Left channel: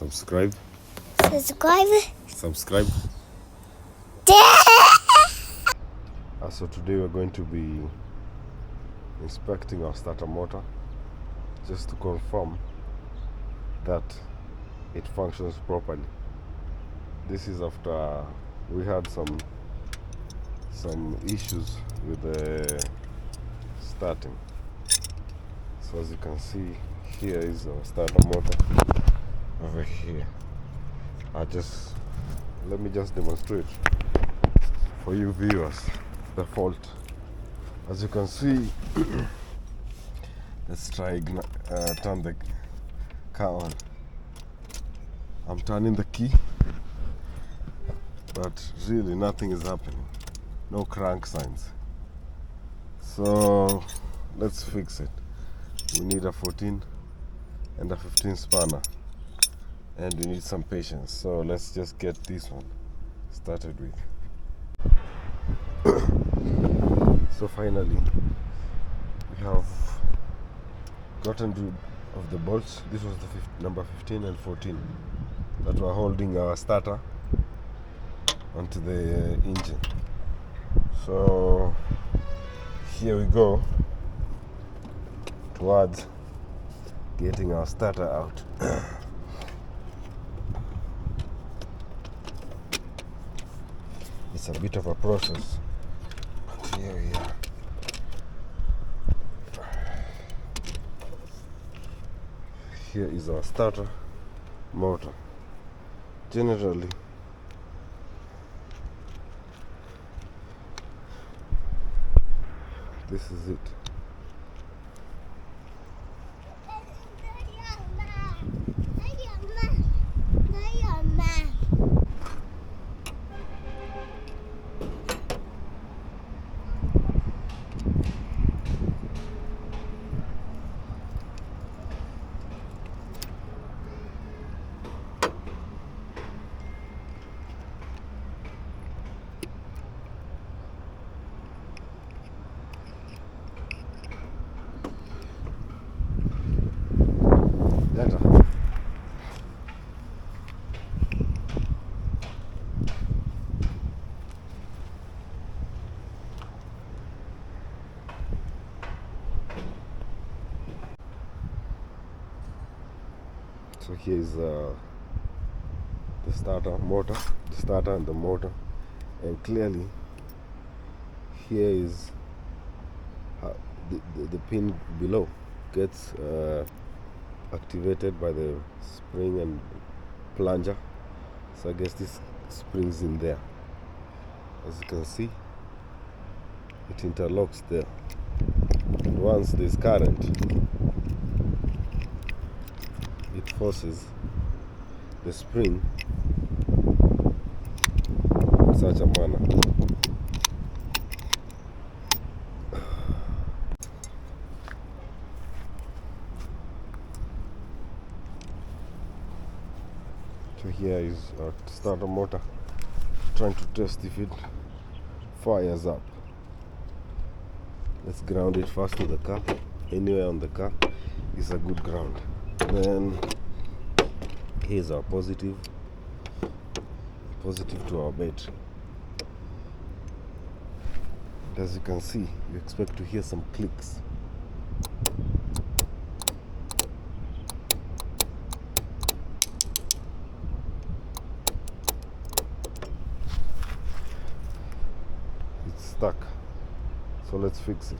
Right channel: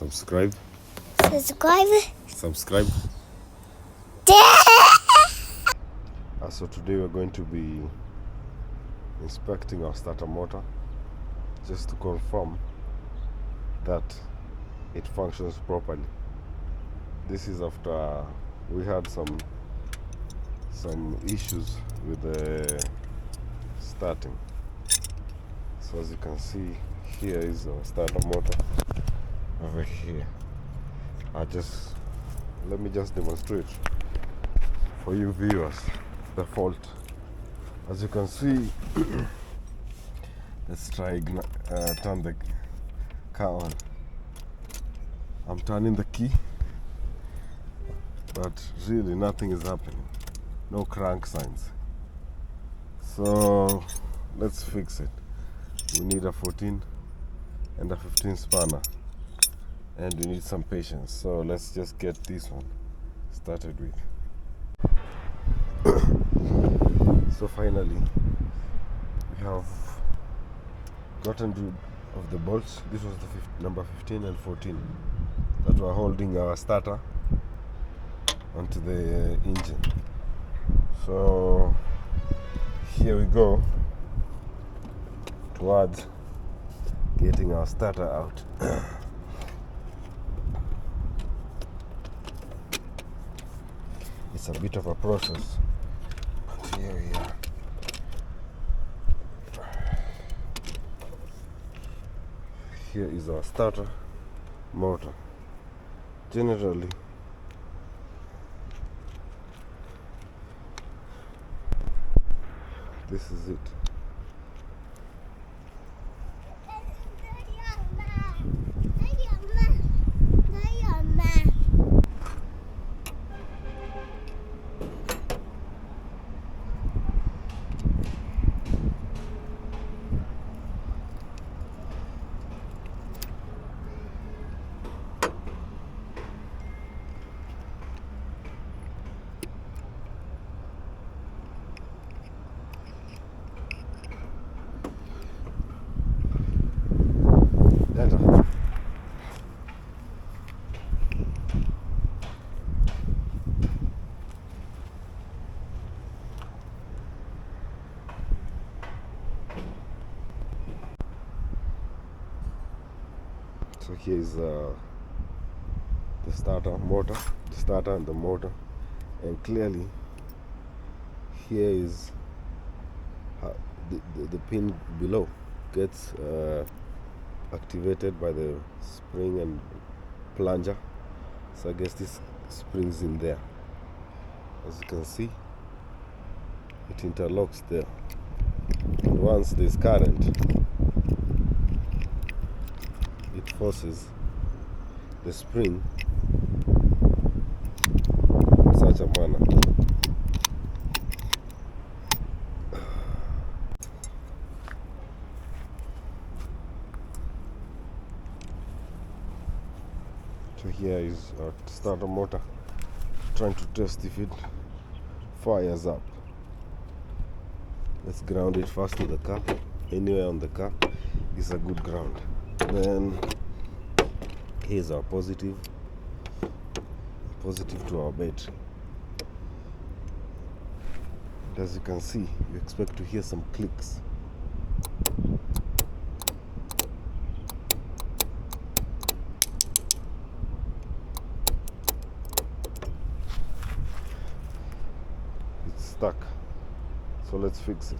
Subscribe. Subscribe. So today we're going to be inspecting our starter motor just to confirm that it functions properly. This is after we had some issues with the starting. So as you can see, here is our starter motor over here. Let me just demonstrate for you viewers the fault. As you can see, let's try turn the car on. I'm turning the key, but really nothing is happening. No crank signs. So let's fix it. We need a 14 and a 15 spanner, and we need some patience. So let's just get this one started with. So finally we have gotten rid of the bolts. This was the number 15 and 14 that were holding our starter onto the engine. So here we go towards getting our starter out. It's a bit of a process, but here we are. Here is our starter motor. Generally, this is it. So here is the starter motor, the starter and the motor, and clearly here is how the pin below gets activated by the spring and plunger. So I guess this springs in there. As you can see, it interlocks there, and once there's current, it forces the spring in such a manner. So here is our starter motor, trying to test if it fires up. Let's ground it first to the car. Anywhere on the car is a good ground. Then here's our positive to our battery. And as you can see, you expect to hear some clicks. It's stuck, so let's fix it.